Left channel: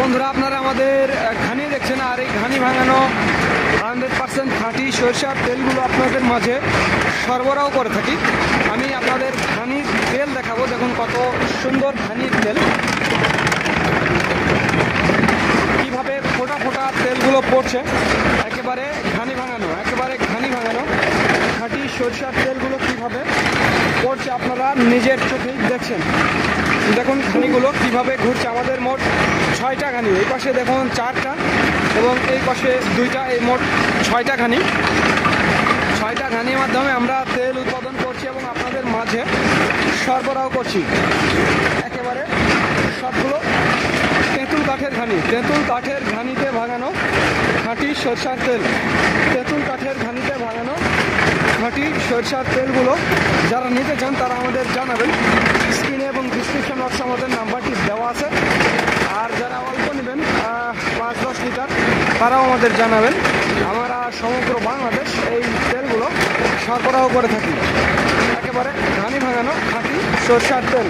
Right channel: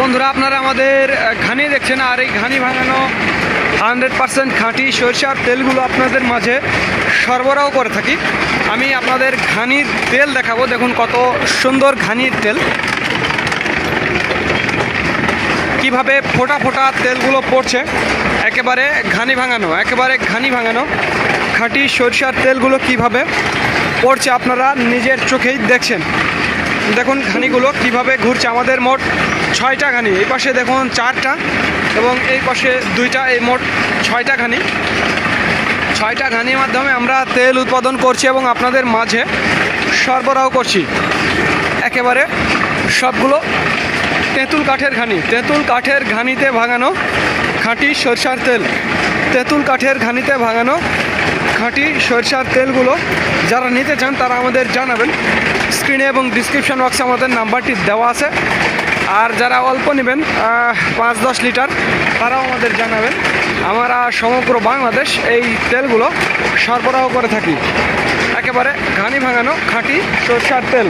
বন্ধুরা আপনারা আমাদের ঘানি দেখছেন, আর এই ঘানি ভাঙানো 100% খাঁটি সরিষার তেলগুলো আপনাদের মাঝে সরবরাহ করে থাকি। আমি আপনাদের ঘানির তেল দেখাবো। দেখুন কত সুন্দর ঘানির তেল, কিভাবে ফোটা ফোটা তেলগুলো পড়ছে। একেবারে ঘানি ভাঙানো খাঁটি সরিষার তেলগুলো কিভাবে পড়ছে আপনারা নিজের চোখেই দেখছেন। দেখুন ঘানিগুলো কিভাবে ঘুরছে। আমাদের মোট 6টা ঘানি, এই পাশে দেখুন 4টা এবং এই পাশে 2টা, এই মোট 6টা ঘানি। 6টা ঘানির মাধ্যমে আমরা তেল উৎপাদন করছি এবং আপনাদের মাঝে সরবরাহ করছি। একেবারে সবগুলো তেঁতুল কাঠের ঘানি, তেঁতুল কাঠের ঘানিতে ভাঙানো খাঁটি সরিষার তেল। তেঁতুল কাঠের ঘানিতে ভাঙানো খাঁটি সরিষার তেলগুলো যারা নিতে চান তারা আমাদের জানাবেন। স্ক্রিনে এবং ডিসক্রিপশন বক্সে আমাদের নাম্বারটি দেওয়া আছে। আর যারা অল্প নেবেন 5-10 লিটার তারাও আমাদের জানাবেন। আমরা সমগ্র বাংলাদেশ এই তেলগুলো সরবরাহ করে থাকি। একেবারে ঘানি ভাঙানো খাঁটি সরিষার তেল।